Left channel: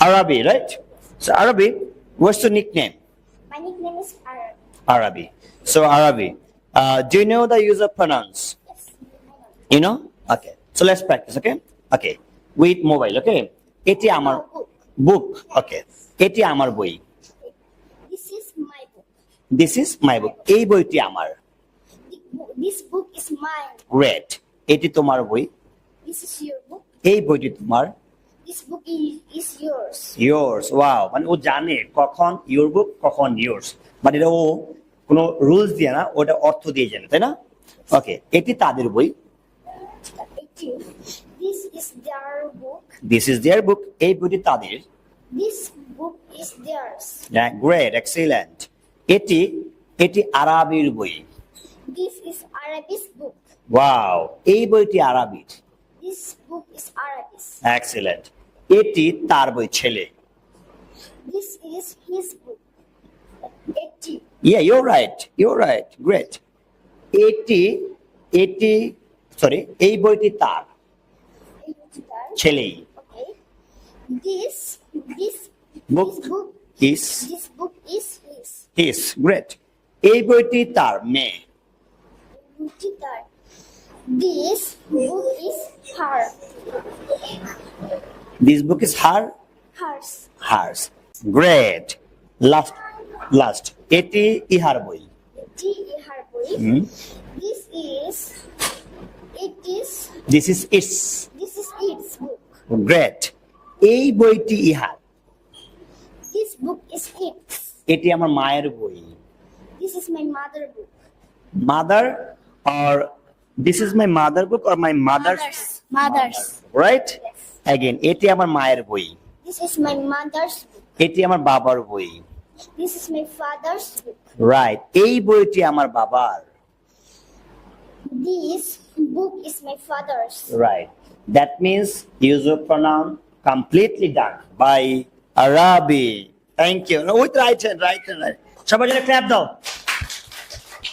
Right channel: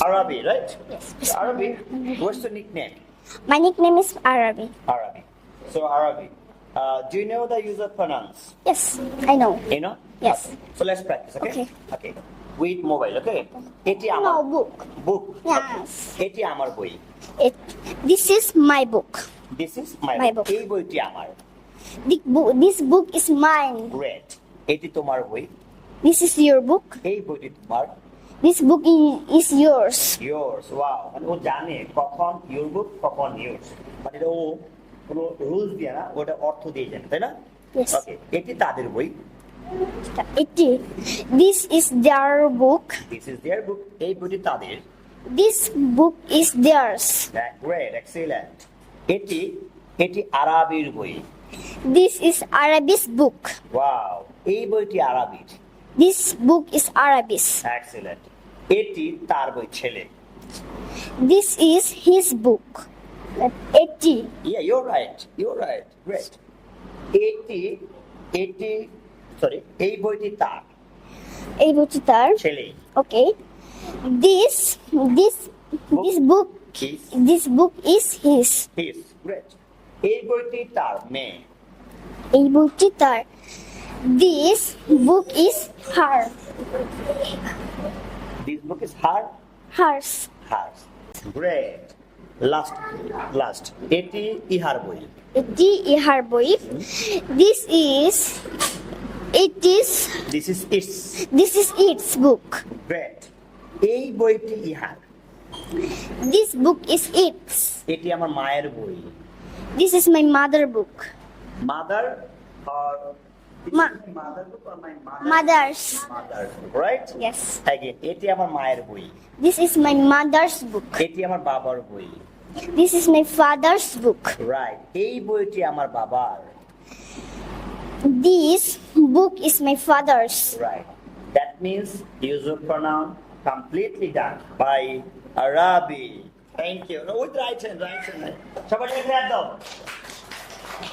Arabi, right? Yes. So Arabi, what's your nickname? My nickname is Arabi. Arabi. So Arabi, do you know the use of pronouns? Yes, I know. You know? Yes. Okay. So let's practice, okay? Okay. Okay. With mobile, okay? এটি আমার No, book. book. Yes. Okay. এটি আমার বই. This is my book. This is my book. book. এই বইটি আমার. This book is mine. Great. এটি তোমার বই. This is your book. এই বইটি তোমার. This book is yours. Yours. Wow. মানে ও জানে কখন your book কখন yours. মানে এটা ও কোনো রুলস দিয়ে না, ওটা অর্থ দিয়ে জানে, তাই না? Yes. ওকে, এটি তাদের বই. This is their book. This is their book. এই বইটি তাদের. This book is theirs. Great, excellent. এটি আরবির বই. This is Arabi's book. Wow. এই বইটি আরবির. This book is Arabic. Excellent. এটি তার বই, ছেলে. This is his book. Yeah, you're right. You're right. Great. এই বইটি তার. এই বইটি তার. ছেলেই. Okay. This book is his. His. Great. এই বইটি তার, মেয়ে. এই বইটি তার. This book is her. This book is her. Hers. Hers. Great. Last. এটি ইহার বই. এটি ইহার বই. This is its book. Great. এই বইটি ইহার. This book is its. এটি আমার মায়ের বই. This is my mother book. Mother or this is my mother book or my mother's right? Yes. Again, এটি আমার মায়ের বই. This is my mother's book. এটি আমার বাবার বই. This is my father's book. Right. এই বইটি আমার বাবার. This book is my father's. Right. That means use of pronoun completely done by Arabi. Thank you. With right hand. সবাই clap দাও.